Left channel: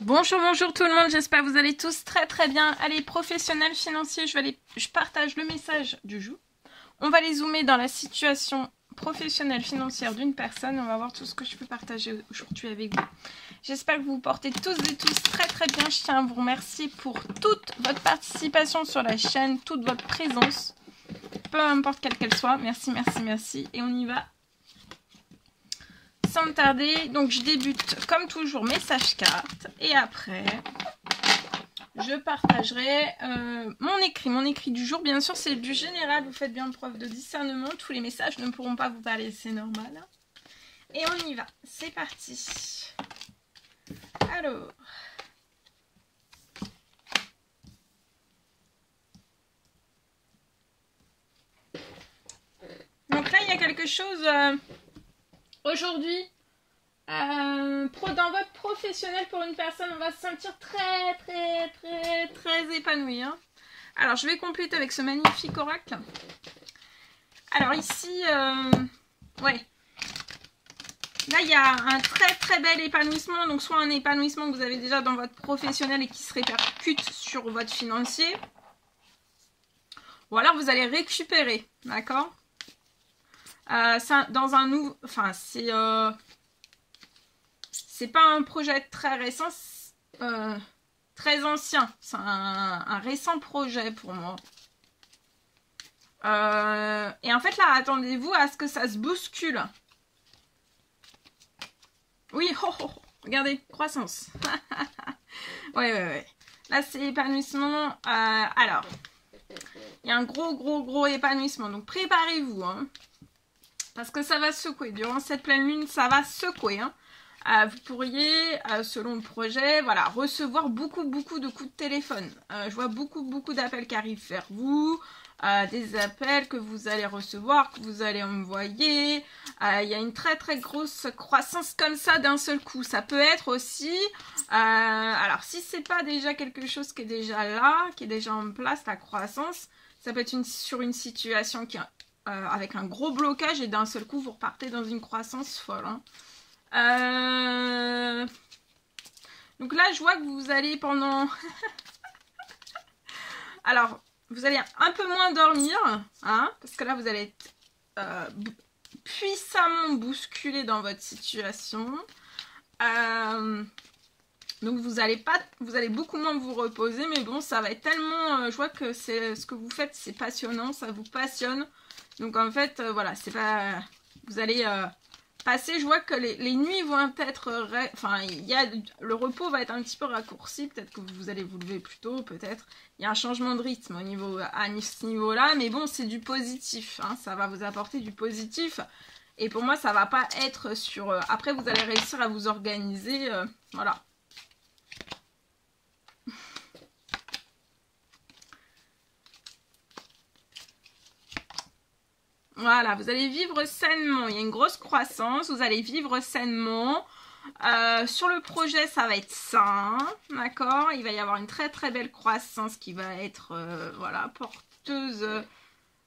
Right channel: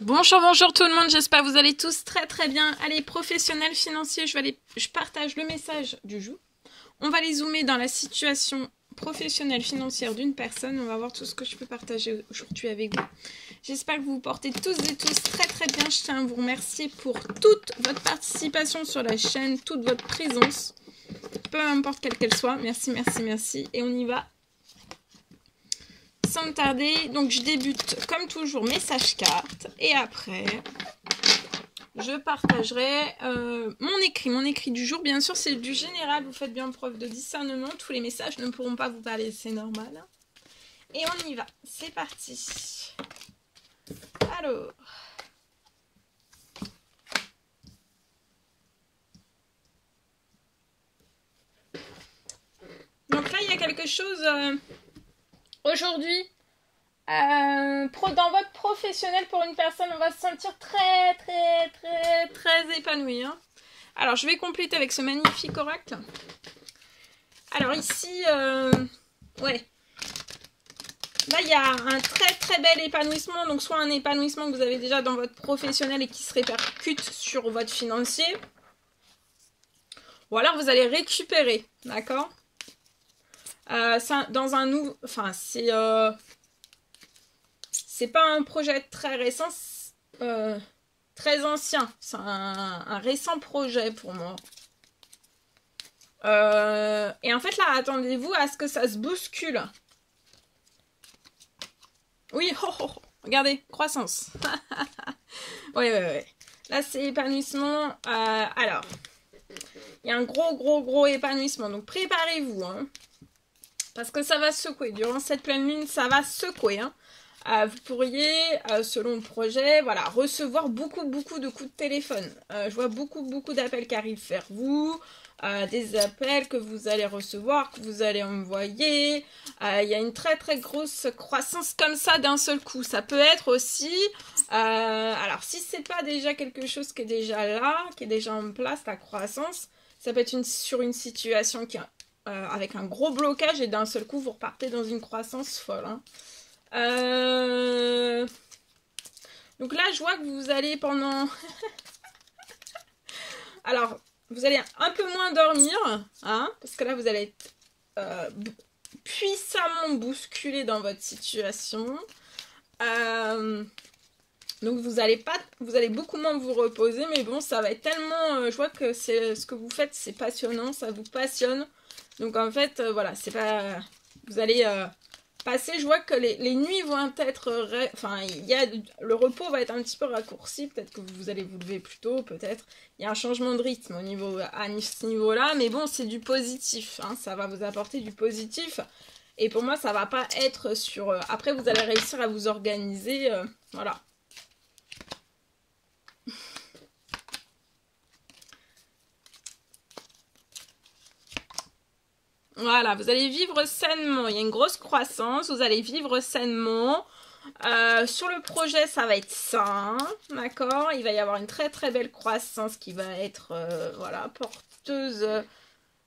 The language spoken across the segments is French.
Bonjour, bonjour tout le monde, j'espère que vous allez tous très très bien. Allez, professionnels financiers, je partage le message du jour. On va aller zoomer dans la situation professionnelle financière d'une personne. On va voir tout ce que je peux partager aujourd'hui avec vous. J'espère que vous vous portez tous et tous très très bien. Je tiens à vous remercier pour toute votre participation sur la chaîne, toute votre présence, peu importe quelle qu'elle soit. Merci, merci, merci. Et on y va. Sans tarder, donc je débute comme toujours message carte et après je partagerai mon écrit du jour. Bien sûr c'est du général, vous faites bien preuve de discernement, tous les messages ne pourront pas vous parler, c'est normal. Et on y va, c'est parti. Alors, donc là il y a quelque chose aujourd'hui. Dans votre professionnel pour une personne, on va se sentir très épanoui. Hein. Alors, je vais compléter avec ce magnifique oracle. Alors ici, ouais. Là, il y a un très bel épanouissement. Donc, soit un épanouissement que vous avez déjà dans votre professionnel et qui se répercute sur votre financier. Ou alors, vous allez récupérer, d'accord dans un nouveau... Enfin, c'est pas un projet très récent, très ancien. C'est un récent projet pour moi. Et en fait, là, attendez-vous à ce que ça se bouscule. Oui, regardez, croissance. ouais. Là, c'est épanouissement. Alors, il y a un gros épanouissement. Donc, préparez-vous. Hein, parce que ça va secouer. Durant cette pleine lune, ça va secouer. Hein. Vous pourriez, selon le projet, voilà, recevoir beaucoup de coups de téléphone. Je vois beaucoup d'appels qui arrivent vers vous, des appels que vous allez recevoir, que vous allez envoyer. Il y a une très grosse croissance comme ça d'un seul coup. Ça peut être aussi, alors si c'est pas déjà quelque chose qui est déjà là, qui est déjà en place, la croissance, ça peut être sur une situation qui avec un gros blocage et d'un seul coup vous repartez dans une croissance folle. Hein. Donc là, je vois que vous allez pendant... Alors, vous allez un peu moins dormir, hein, parce que là, vous allez être puissamment bousculé dans votre situation. Donc, vous allez beaucoup moins vous reposer, mais bon, ça va être tellement... je vois que ce que vous faites, c'est passionnant, ça vous passionne. Donc, en fait, voilà, c'est pas... Vous allez... passer, je vois que les nuits vont être... Enfin, le repos va être un petit peu raccourci. Peut-être que vous allez vous lever plus tôt, peut-être. Il y a un changement de rythme à ce niveau-là. Mais bon, c'est du positif. Hein, ça va vous apporter du positif. Et pour moi, ça va pas être sur... après, vous allez réussir à vous organiser. Voilà. Voilà, vous allez vivre sainement. Il y a une grosse croissance. Vous allez vivre sainement. Sur le projet, ça va être sain. D'accord. Il va y avoir une très belle croissance qui va être voilà, porteuse.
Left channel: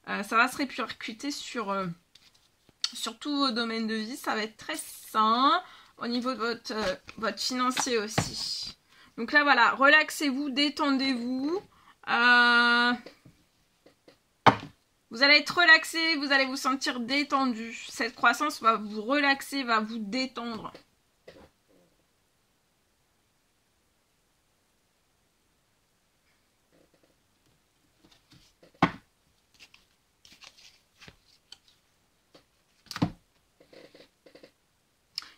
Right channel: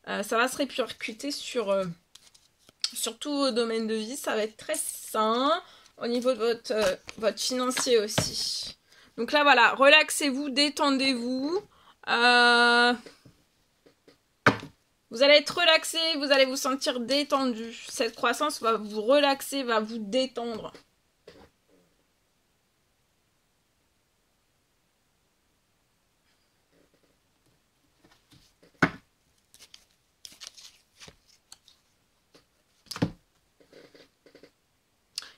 Ça va se répercuter sur tous vos domaines de vie. Ça va être très sain. Au niveau de votre financier aussi. Donc là, voilà. Relaxez-vous, détendez-vous. Vous allez être relaxé, vous allez vous sentir détendu. Cette croissance va vous relaxer, va vous détendre.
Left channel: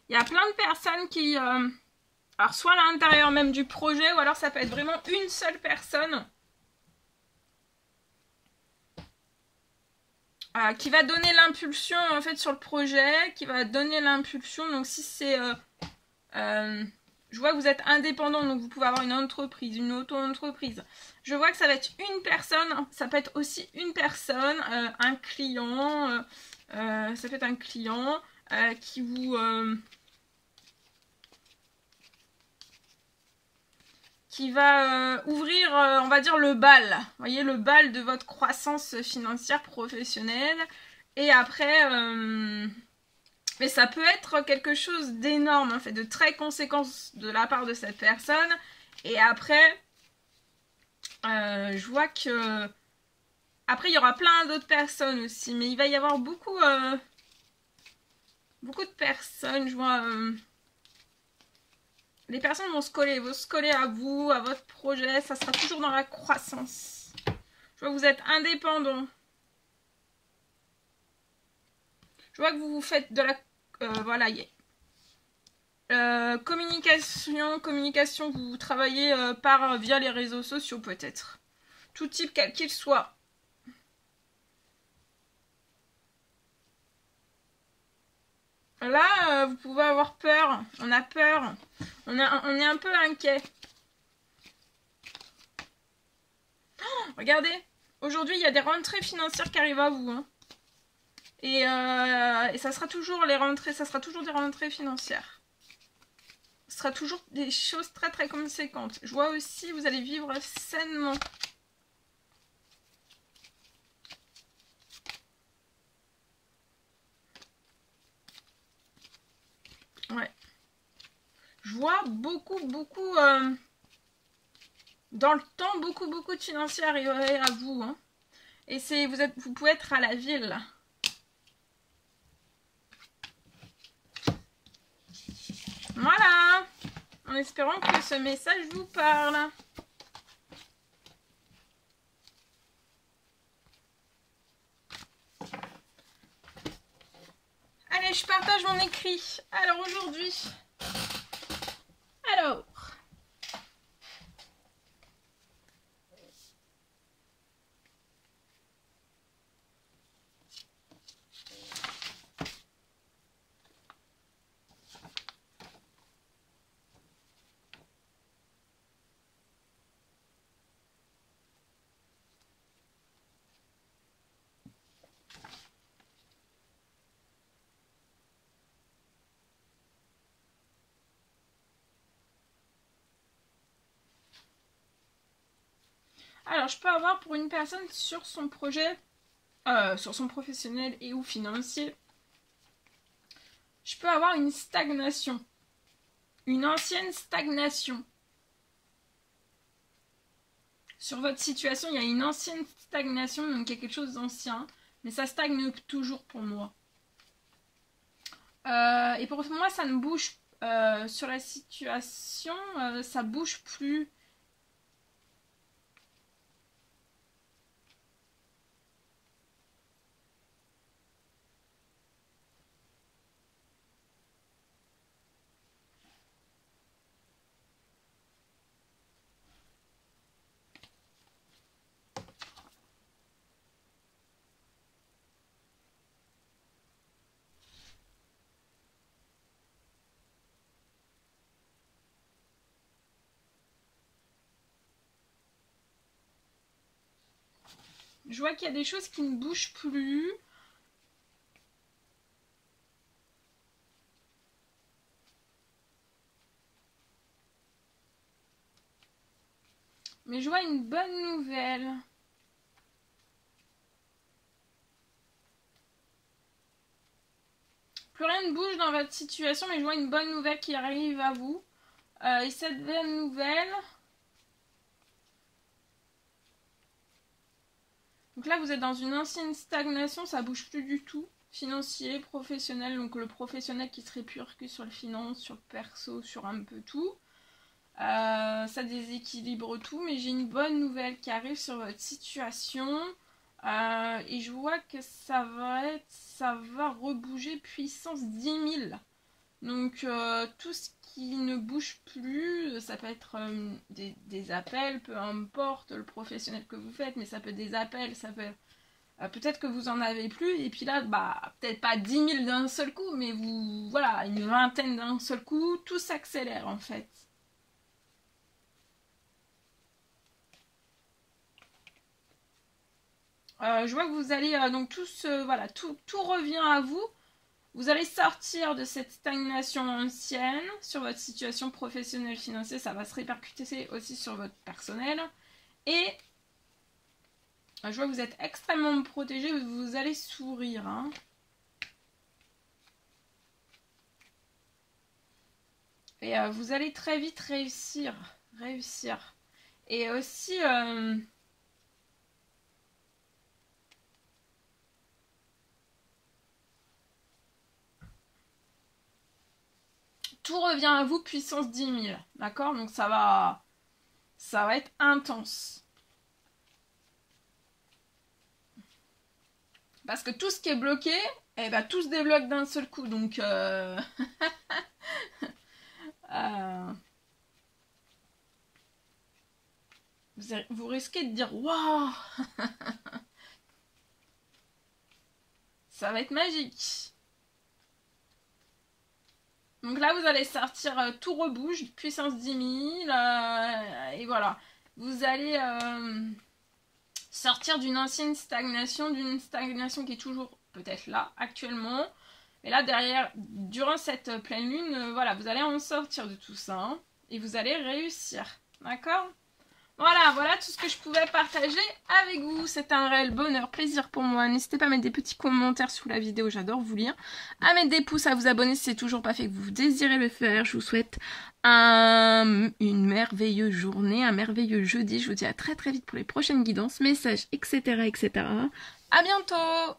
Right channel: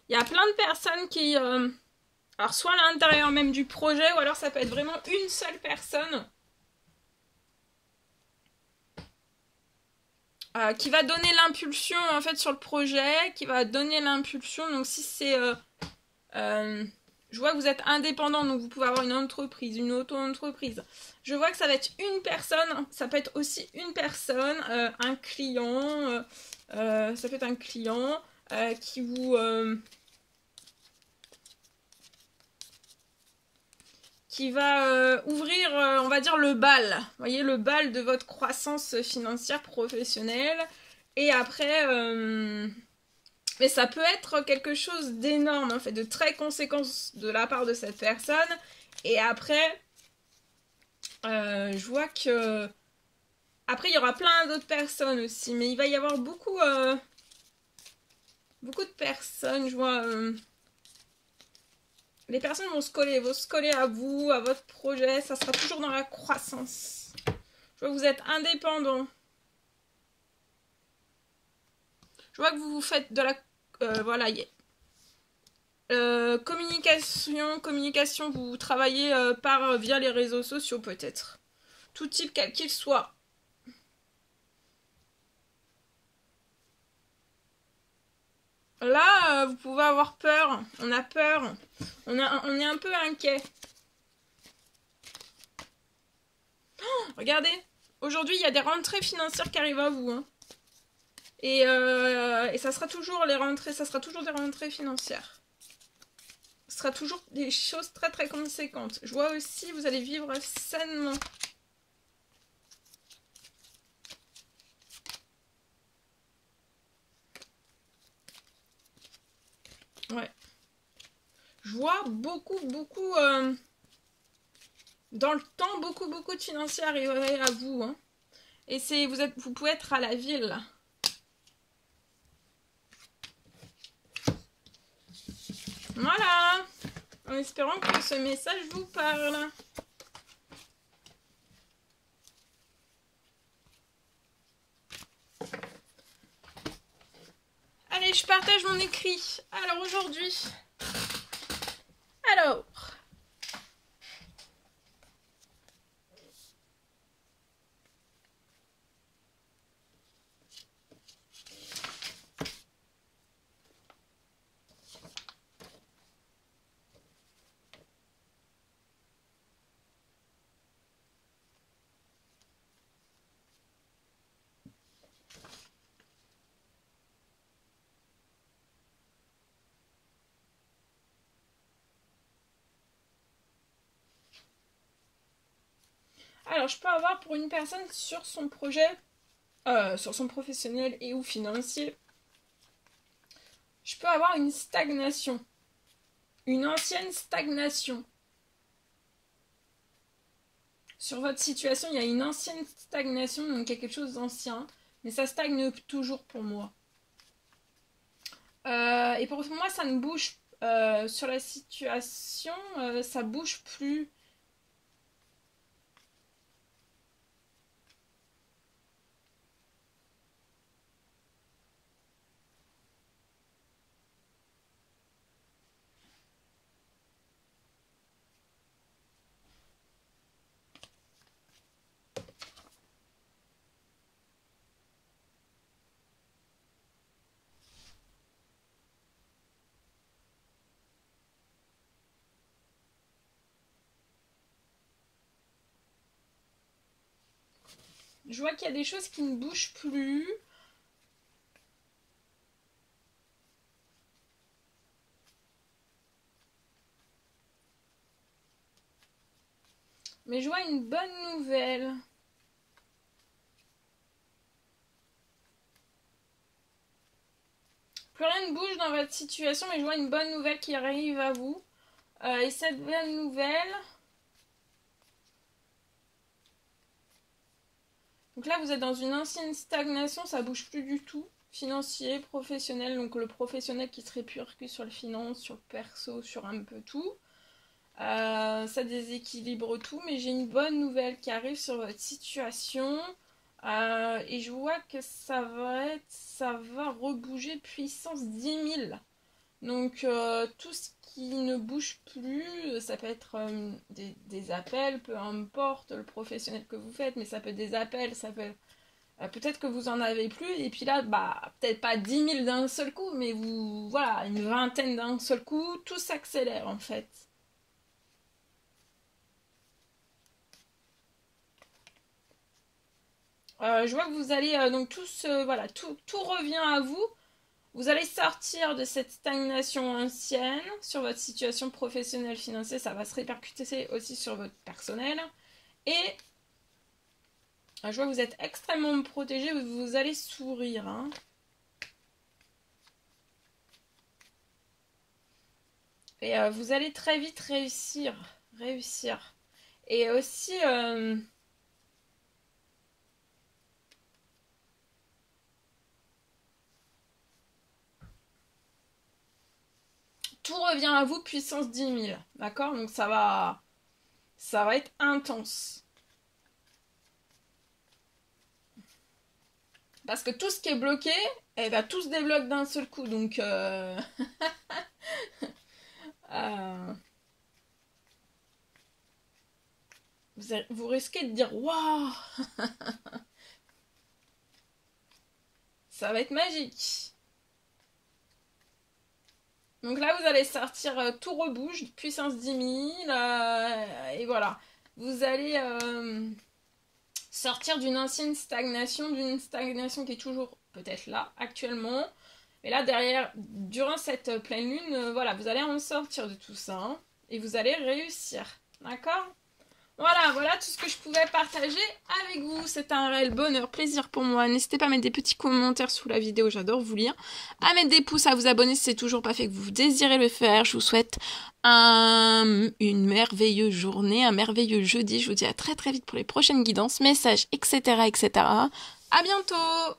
Il y a plein de personnes qui... alors, soit à l'intérieur même du projet, ou alors ça peut être vraiment une seule personne qui va donner l'impulsion en fait sur le projet, qui va donner l'impulsion. Donc si c'est... je vois que vous êtes indépendant, donc vous pouvez avoir une entreprise, une auto-entreprise. Je vois que ça va être une personne, ça peut être aussi une personne, un client, ça peut être un client qui vous... qui va ouvrir, on va dire, le bal. Vous voyez, le bal de votre croissance financière professionnelle. Et après, Mais ça peut être quelque chose d'énorme, en fait, de très conséquent de la part de cette personne. Et après, je vois que... Après, il y aura plein d'autres personnes aussi. Mais il va y avoir beaucoup de personnes, je vois... les personnes vont se coller à vous, à votre projet. Ça sera toujours dans la croissance. Je vois que vous êtes indépendant. Je vois que vous faites de la... voilà, communication, vous travaillez via les réseaux sociaux peut-être. Tout type, quel qu'il soit. Là, vous pouvez avoir peur. On a peur. On est un peu inquiet. Oh, regardez. Aujourd'hui, il y a des rentrées financières qui arrivent à vous. Hein. Et ça sera toujours les rentrées. Ça sera toujours des rentrées financières. Ce sera toujours des choses très très conséquentes. Je vois aussi, vous allez vivre sainement. Ouais. Je vois beaucoup dans le temps, beaucoup de financiers arriveraient à vous. Hein. Et vous pouvez être à la ville. Voilà. En espérant que ce message vous parle. Allez, je partage mon écrit. Alors aujourd'hui... Alors... Alors, je peux avoir pour une personne sur son projet, sur son professionnel et ou financier, je peux avoir une stagnation. Une ancienne stagnation. Sur votre situation, il y a une ancienne stagnation, donc il y a quelque chose d'ancien, mais ça stagne toujours pour moi. Et pour moi, ça ne bouge sur la situation, ça bouge plus. Je vois qu'il y a des choses qui ne bougent plus. Mais je vois une bonne nouvelle. Plus rien ne bouge dans votre situation, mais je vois une bonne nouvelle qui arrive à vous. Et cette bonne nouvelle... Donc là, vous êtes dans une ancienne stagnation, ça bouge plus du tout. Financier, professionnel, donc le professionnel qui se répercute sur le finance, sur le perso, sur un peu tout. Ça déséquilibre tout, mais j'ai une bonne nouvelle qui arrive sur votre situation. Et je vois que ça va rebouger puissance 10 000. Donc tout ce qui ne bouge plus, ça peut être des appels, peu importe le professionnel que vous faites, mais ça peut être des appels, ça peut peut-être que vous en avez plus, et puis là, peut-être pas 10 000 d'un seul coup, mais voilà, une vingtaine d'un seul coup, tout s'accélère en fait. Je vois que vous allez, donc voilà, tout revient à vous. Vous allez sortir de cette stagnation ancienne sur votre situation professionnelle financière. Ça va se répercuter aussi sur votre personnel. Et je vois que vous êtes extrêmement protégé. Vous allez sourire. Hein. Et vous allez très vite réussir. Et aussi... tout revient à vous puissance 10 000. D'accord? Donc ça va être intense. Parce que tout ce qui est bloqué, eh ben, tout se débloque d'un seul coup. Donc, vous risquez de dire waouh, ça va être magique. Donc là, vous allez sortir tout rebouge, puissance 10 000. Et voilà. Vous allez sortir d'une ancienne stagnation, qui est toujours peut-être là actuellement. Et là, derrière, durant cette pleine lune, voilà, vous allez en sortir de tout ça. Hein, et vous allez réussir. D'accord ? Voilà tout ce que je pouvais partager avec vous. C'est un réel bonheur, plaisir pour moi. N'hésitez pas à mettre des petits commentaires sous la vidéo, j'adore vous lire. À mettre des pouces, à vous abonner si c'est toujours pas fait, que vous désirez le faire. Je vous souhaite une merveilleuse journée, un merveilleux jeudi. Je vous dis à très très vite pour les prochaines guidances, messages, etc. À bientôt!